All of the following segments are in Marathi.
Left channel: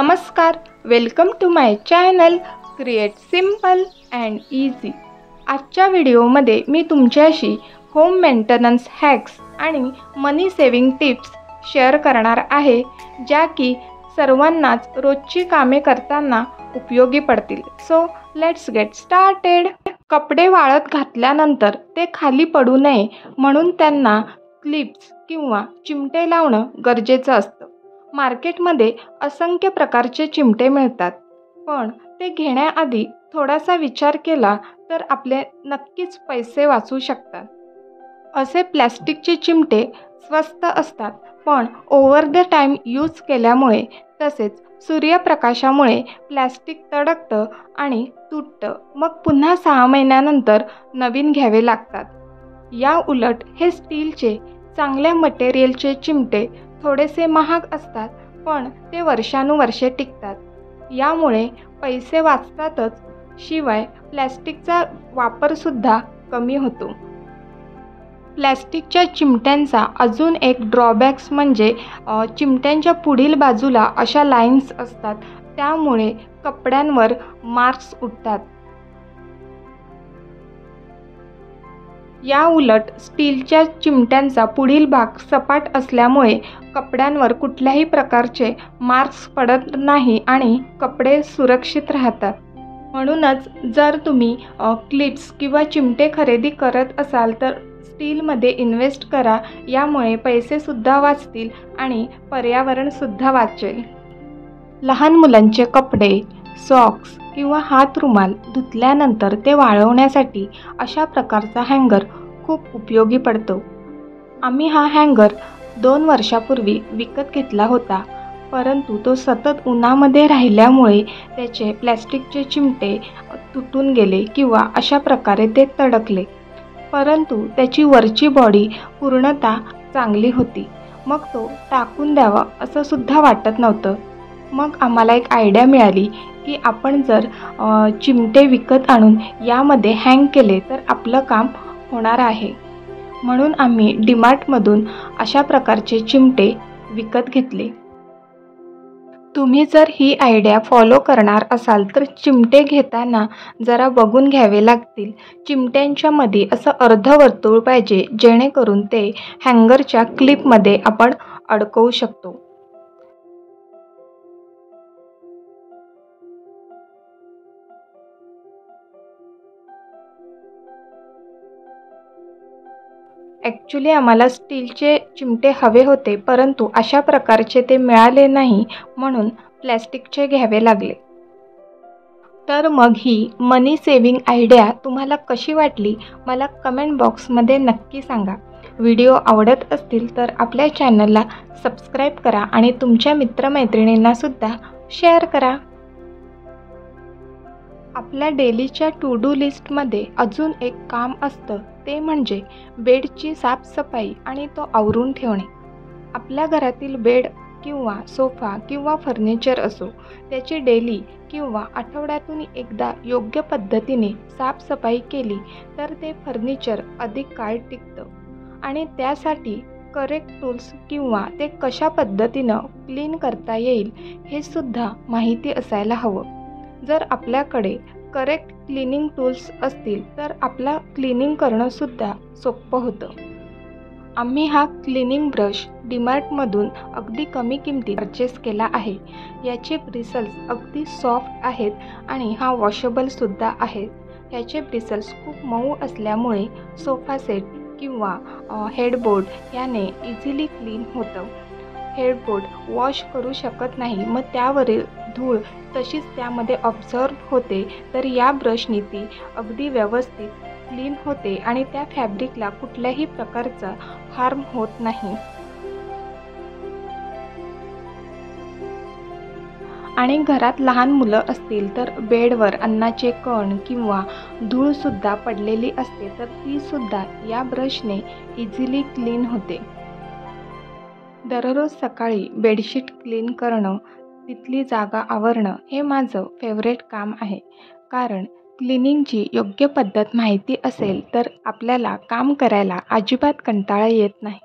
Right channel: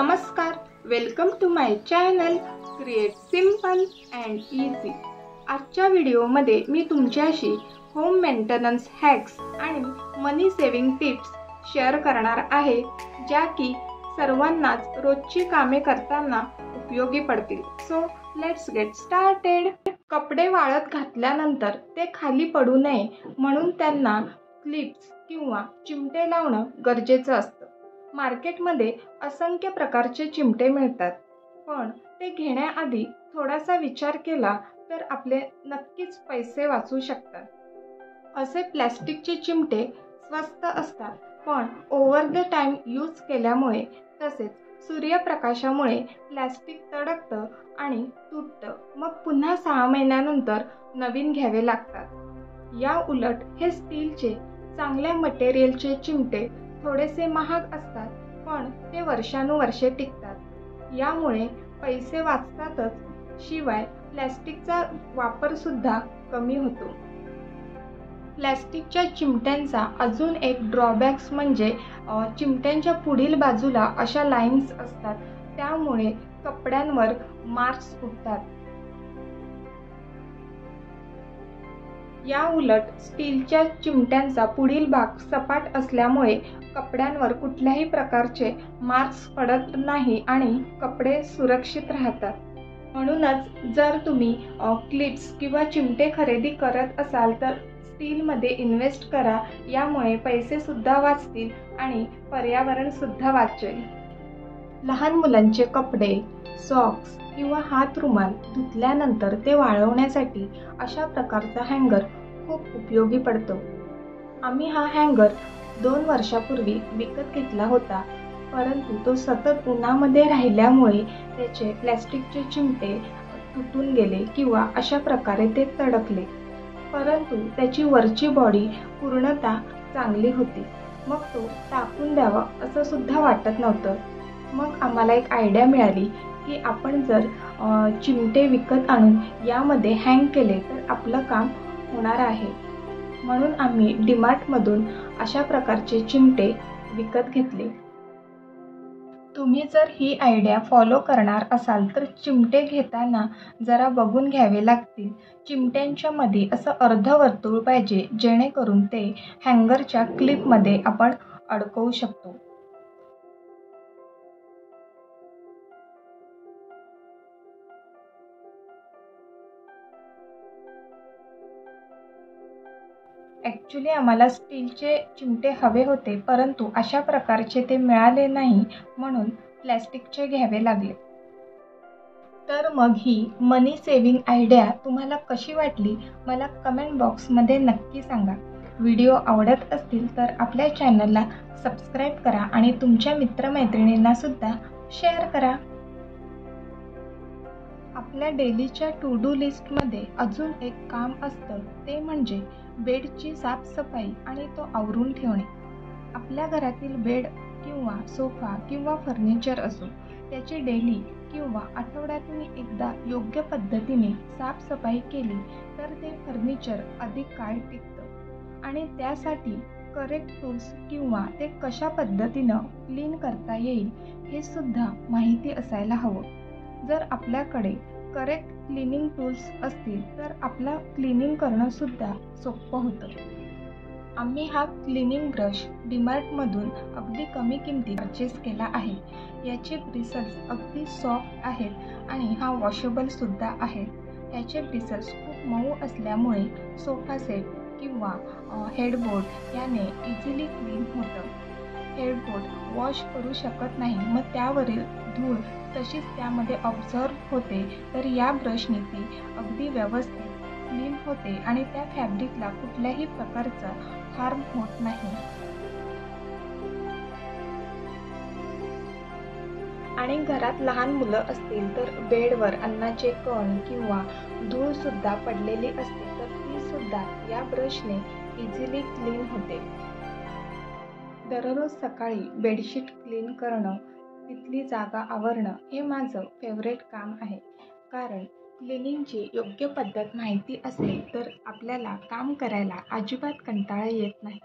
नमस्कार, welcome to my channel create simple and easy. आजच्या व्हिडिओमध्ये मी तुमच्याशी होम मेंटेनन्स हॅक्स आणि मनी सेव्हिंग टिप्स शेअर करणार आहे, ज्या की सर्वांनाच रोजची कामे करताना उपयोगी पडतील। So let's get started. कपडे वाळत घातल्यानंतर ते खाली पडू नये म्हणून त्यांना क्लिप्स किंवा चिमटे लावणं गरजेचं असतं। मार्केटमध्ये असंख्य प्रकारचे चिमटे मिळतात, पण ते घेण्याआधी थोडासा विचार केला तर आपले नक्कीच पैसे वाचू शकतात। असे प्लॅस्टिकचे चिमटे स्वस्त असतात, पण ओव्हर द टाईम यूज केल्यामुळे तसेच सूर्यप्रकाशामुळे प्लॅस्टिक तडकतं आणि तुटतं, मग पुन्हा 6 महिन्यानंतर नवीन घ्यावे लागतात। या उलट हे स्टीलचे चांगल्या मटेरियलचे चिमटे थोडेसे महाग असतात, पण ते वर्षानुवर्षे टिकतात। यामुळे पैसे वाचतातच, शिवाय प्लॅस्टिकचा वापरसुद्धा कमी होतो। प्लॅस्टिकच्या चिमट्यांचा अजून एक ड्रॉबॅक्स म्हणजे चिमट्यांच्या पुढील बाजूला अशा लाईन्स असतात, त्यामुळे कपड्यांवर मार्क्स उठतात। या उलट स्टीलच्या चिमट्यांचा पुढील भाग सपाट असल्यामुळे कपड्यांवर कुठल्याही प्रकारचे मार्क्स पडत नाही आणि कपडे सुरक्षित राहतात। म्हणूनच जर तुम्ही क्लिप्स किंवा चिमटे खरेदी करत असाल तर स्टीलमध्ये इन्व्हेस्ट करा, यामुळे पैसेसुद्धा वाचतील आणि पर्यावरणसुद्धा वाचेल। लहान मुलांचे कपडे, सॉक्स किंवा हातरुमाल धुतल्यानंतर ते वाळवण्यासाठी अशा प्रकारचा हँगर खूप उपयोगी पडतो। आम्ही हा हँगर 2 वर्षापूर्वी विकत घेतला होता, परंतु तो सतत उन्हामध्ये राहिल्यामुळे त्याचे प्लॅस्टिकचे चिमटे तुटून गेले किंवा अशा प्रकारे ते तडकले, परंतु त्याची वरची बॉडी पूर्णतः चांगली होती। मग तो टाकून द्यावा असं सुद्धा वाटत नव्हतं। मग आम्हाला एक आयडिया मिळाली की आपण जर चिमटे विकत आणून यामध्ये हँग केले तर आपलं काम होणार आहे। म्हणून आम्ही डीमार्टमधून अशा प्रकारचे चिमटे विकत घेतले। तुम्ही जर ही आयडिया फॉलो करणार असाल तर चिमटे घेताना जरा बघून घ्यावे लागतील। चिमट्यांच्या मध्ये असं अर्धवर्तुळ पाहिजे, जेणेकरून ते हँगरच्या क्लिपमध्ये आपण अडकवू शकतो। ॲक्च्युली आम्हाला स्टीलचे चिमटे हवे होते, परंतु अशा प्रकारचे ते मिळाले नाही, म्हणून प्लॅस्टिकचे घ्यावे लागले। तर मग ही मनी सेव्हिंग आयडिया तुम्हाला कशी वाटली मला कमेंट बॉक्समध्ये नक्की सांगा। व्हिडिओ आवडत असतील तर आपल्या चॅनलला सबस्क्राईब करा आणि तुमच्या मित्रमैत्रिणींनासुद्धा शेअर करा। आपल्या डेलीच्या टू डू लिस्टमध्ये अजून एक काम असतं, ते म्हणजे बेडची साफसफाई आणि तो आवरून ठेवणे। आपल्या घरातील बेड किंवा सोफा किंवा फर्निचर असो, त्याची डेली किंवा आठवड्यातून एकदा योग्य पद्धतीने साफसफाई केली तर ते फर्निचर अधिक काळ टिकतं। आणि त्यासाठी करेक्ट टूल्स किंवा ते कशा पद्धतीनं क्लीन करता येईल हे सुद्धा माहिती असायला हवं। जर आपल्याकडे करेक्ट क्लिनिंग टूल्स असतील तर आपला क्लिनिंग करणंसुद्धा सोपं होतं। आम्ही हा क्लिनिंग ब्रश डीमार्टमधून अगदी कमी किमतीत परचेस केला आहे। याचे ब्रिसल्स अगदी सॉफ्ट आहेत आणि हा वॉशेबलसुद्धा आहे। ह्याचे ब्रिसल्स खूप मऊ असल्यामुळे सोफा सेट किंवा हेडबोर्ड याने इझिली क्लीन होतं। हेडबोर्ड वॉश करू शकत नाही, मग त्यावरील धूळ तशीच त्यामध्ये ऑब्झर्व होते, तर या ब्रशनी ती अगदी व्यवस्थित क्लीन होते आणि त्या फॅब्रिकला कुठल्याही प्रकारचा हार्म होत नाही। आणि घरात लहान मुलं असतील तर बेडवर अन्नाचे कण किंवा धूळसुद्धा पडलेली असते, तर तीसुद्धा या ब्रशने इझिली क्लीन होते। दररोज सकाळी बेडशीट क्लीन करणं, तिथली जागा आवरणं हे माझं फेवरेट काम आहे, कारण क्लिनिंगची योग्य पद्धत माहिती असेल तर आपल्याला काम करायला अजिबात कंटाळा येत नाही।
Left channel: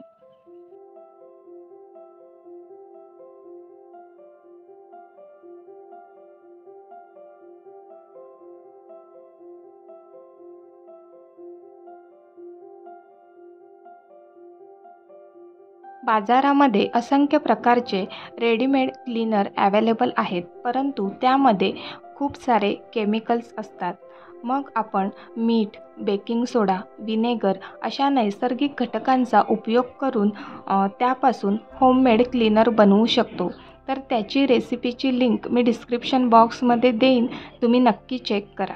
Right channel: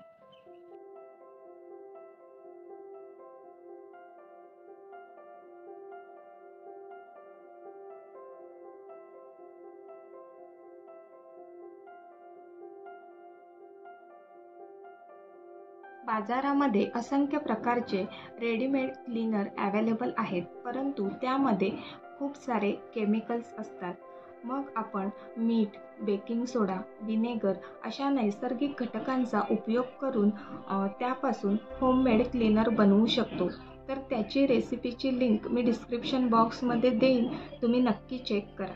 बाजारामध्ये असंख्य प्रकारचे रेडीमेड क्लीनर अवेलेबल आहेत, परंतु त्यामध्ये खूप सारे केमिकल्स असतात. मग आपण मीठ, बेकिंग सोडा, विनेगर अशा नैसर्गिक घटकांचा उपयोग करून त्यापासून होममेड क्लीनर बनवू शकतो. तर त्याची रेसिपीची लिंक मी डिस्क्रिप्शन बॉक्समध्ये देईन, तुम्ही नक्की चेक करा.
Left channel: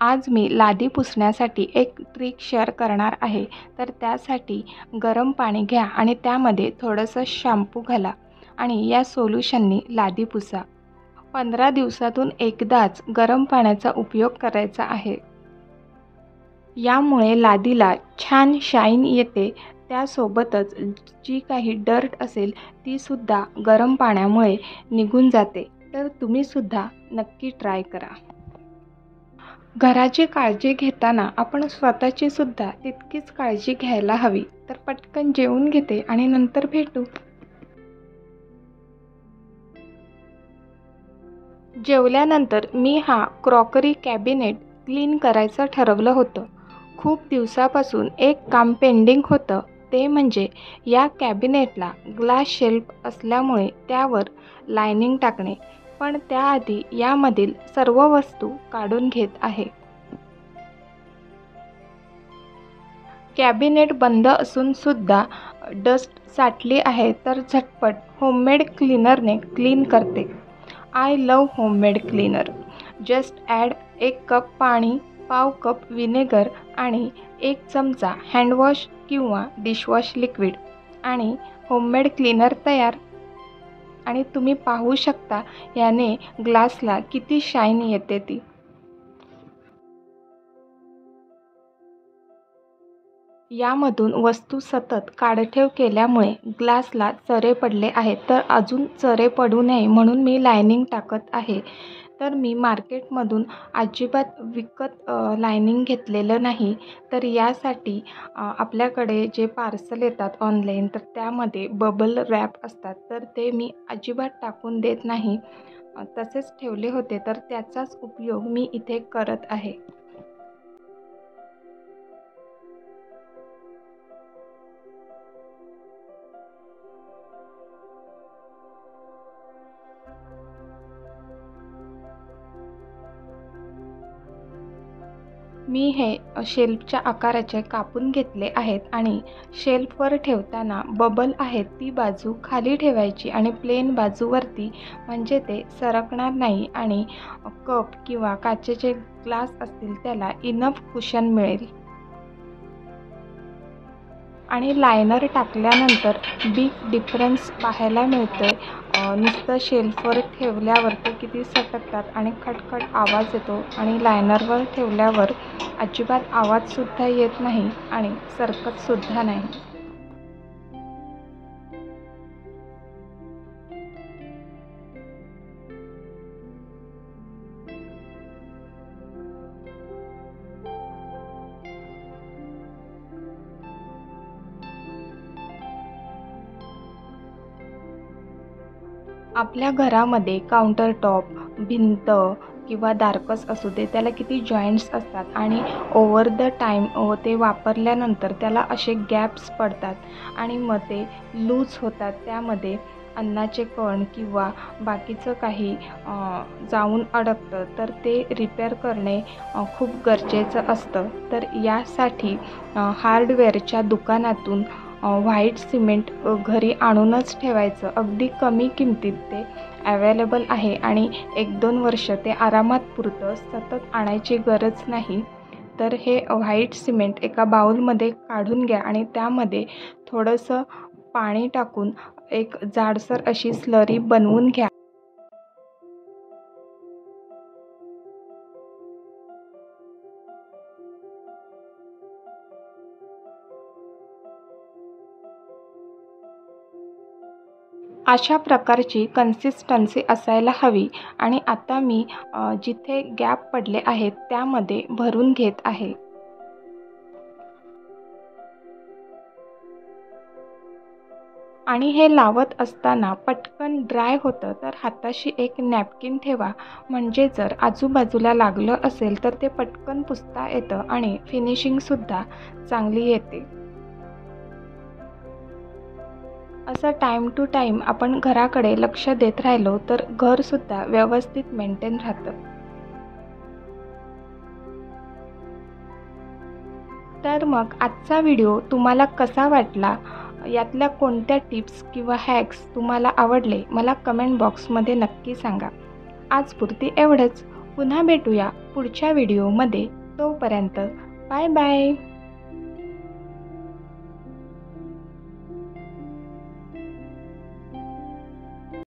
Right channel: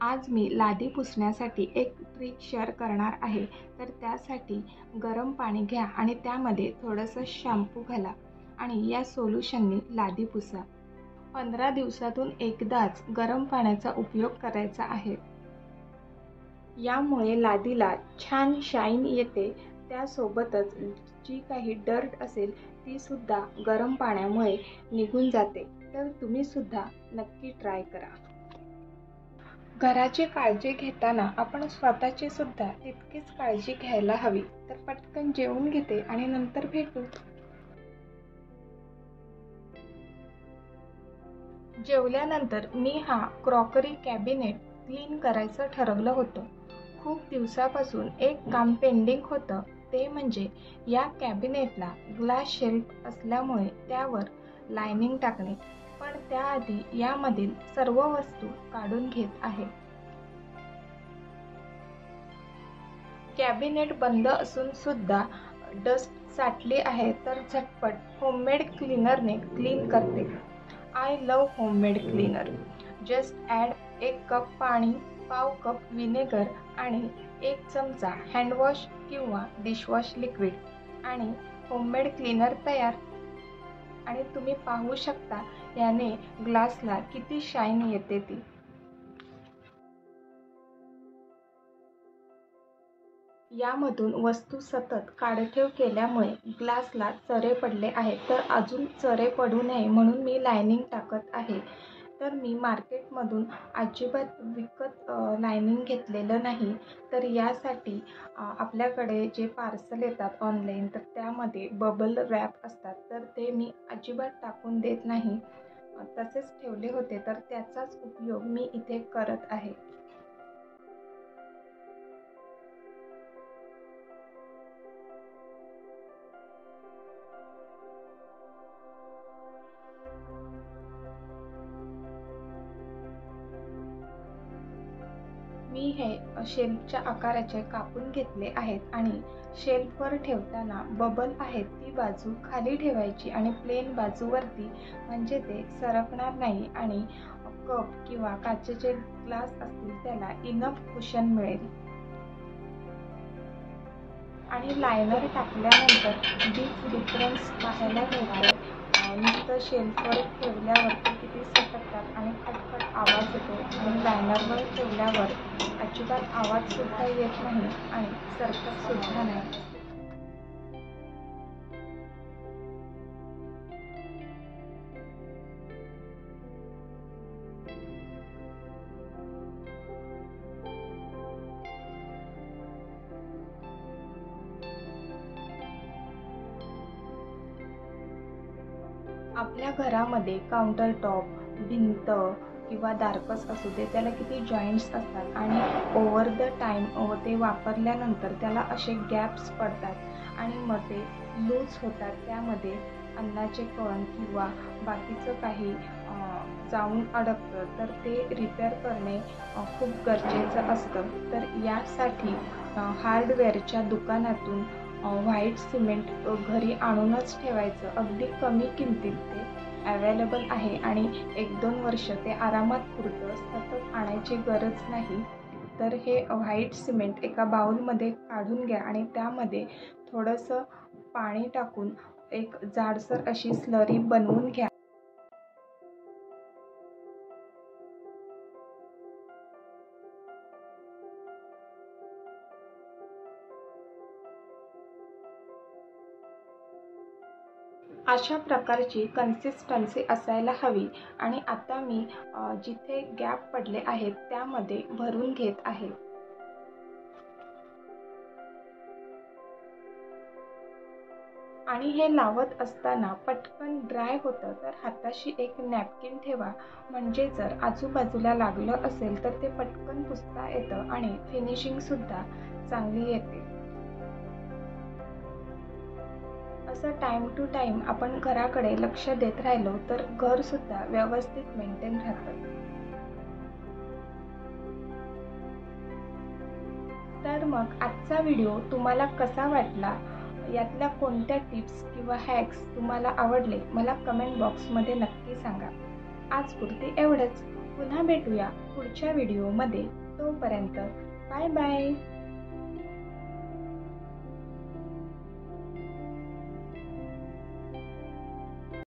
आज मी लादी पुसण्यासाठी एक ट्रिक शेअर करणार आहे. तर त्यासाठी गरम पाणी घ्या आणि त्यामध्ये थोडंसं शॅम्पू घाला आणि या सोल्युशननी लादी पुसा. 15 दिवसातून एकदाच गरम पाण्याचा उपयोग करायचा आहे. यामुळे लादीला छान शाईन येते. त्यासोबतच जी काही डर्ट असेल तीसुद्धा गरम पाण्यामुळे निघून जाते. तर तुम्हीसुद्धा नक्की ट्राय करा. घराची काळजी घेताना आपण स्वतःची सुद्धा तितकीच काळजी घ्यायला हवी. तर पटकन जेवून घेते आणि नंतर भेटू. जेवल्यानंतर मी हा क्रॉकरी कॅबिनेट क्लीन करायचं ठरवलं होतं. खूप दिवसापासून एक काम पेंडिंग होतं, ते म्हणजे या कॅबिनेटला ग्लास शेल्फ असल्यामुळे त्यावर लायनिंग टाकणे. पण त्याआधी यामधील सर्व वस्तू काढून घेत आहे. कॅबिनेट बंद असून सुद्धा डस्ट साठली आहे, तर झटपट होममेड क्लीनरने क्लीन करते. I love homemade cleaner. Just add 1 cup पाणी, पाव कप विनेगर आणि 1 चमचा हँडवॉश किंवा डिशवॉश लिक्विड आणि होममेड क्लीनर तयार. आणि तुम्ही पाहू शकता याने ग्लासला किती शाईन येते ती. यामधून वस्तू सतत काढठेव केल्यामुळे ग्लासला चरे पडले आहेत. तर अजून चरे पडू नये म्हणून मी लायनिंग टाकत आहे. तर मी मार्केटमधून अजिबात विकत लायनिंग घेतलेलं नाही. तर यासाठी आपल्याकडे जे पार्सल येतात ऑनलाईन, तर त्यामध्ये बबल रॅप असतात, तर ते मी अजिबात टाकून देत नाही. तसेच ठेवले होते, तर त्याचाच उपयोग मी इथे करत आहे. मी हे शेल्फच्या आकाराचे कापून घेतले आहेत आणि शेल्फवर ठेवताना बबल आहेत ती बाजू खाली ठेवायची आणि प्लेन बाजूवरती, म्हणजे ते सरकणार नाही आणि कप किंवा काचेचे ग्लास असतील त्याला इनफ कुशन मिळेल. आणि लायनर टाकल्यानंतर बिग डिफरन्स पाहायला मिळतोय. नुसतं शेल्फवर ठेवल्यावर ते किती सटकतात आणि खटखट आवाज येतो आणि लायनरवर ठेवल्यावर अजिबात आवाजसुद्धा येत नाही आणि सरकतसुद्धा नाही. आपल्या घरामध्ये काउंटर टॉप, भिंत किंवा दारकस असू दे, त्याला किती जॉईंट्स असतात आणि ओव्हर द टाईम ते वापरल्यानंतर त्याला असे गॅप्स पडतात आणि मग ते लूज होतात. त्यामध्ये अन्नाचे कण किंवा बाकीचं काही जाऊन अडकतं, तर ते रिपेअर करणे खूप गरजेचं असतं. तर यासाठी हार्डवेअरच्या दुकानातून व्हाईट सिमेंट घरी आणूनच ठेवायचं. अगदी कमी किमतीत ते अवेलेबल आहे आणि 1-2 वर्ष ते आरामात पुरतं. सतत आणायची गरज नाही. तर हे व्हाईट सिमेंट एका बाउलमध्ये काढून घ्या आणि त्यामध्ये थोडंसं पाणी टाकून एक जाडसर अशी स्लरी बनवून घ्या. अशा प्रकारची कन्सिस्टन्सी असायला हवी आणि आता मी जिथे गॅप पडले आहेत त्यामध्ये भरून घेत आहे. आणि हे लावत असताना पटकन ड्राय होतं, तर हाताशी एक नॅपकिन ठेवा, म्हणजे जर आजूबाजूला लागलं असेल तर ते पटकन पुसता येतं आणि फिनिशिंगसुद्धा चांगली येते. असं टाईम टू टाईम आपण घराकडे लक्ष देत राहिलो तर घरसुद्धा व्यवस्थित मेंटेन राहतं. तर मग आजचा व्हिडिओ तुम्हाला कसा वाटला? यातल्या कोणत्या टिप्स किंवा हॅक्स तुम्हाला आवडले मला कमेंट बॉक्समध्ये नक्की सांगा. आजपुरती एवढंच. पुन्हा भेटूया पुढच्या व्हिडिओमध्ये. तोपर्यंत बाय बाय.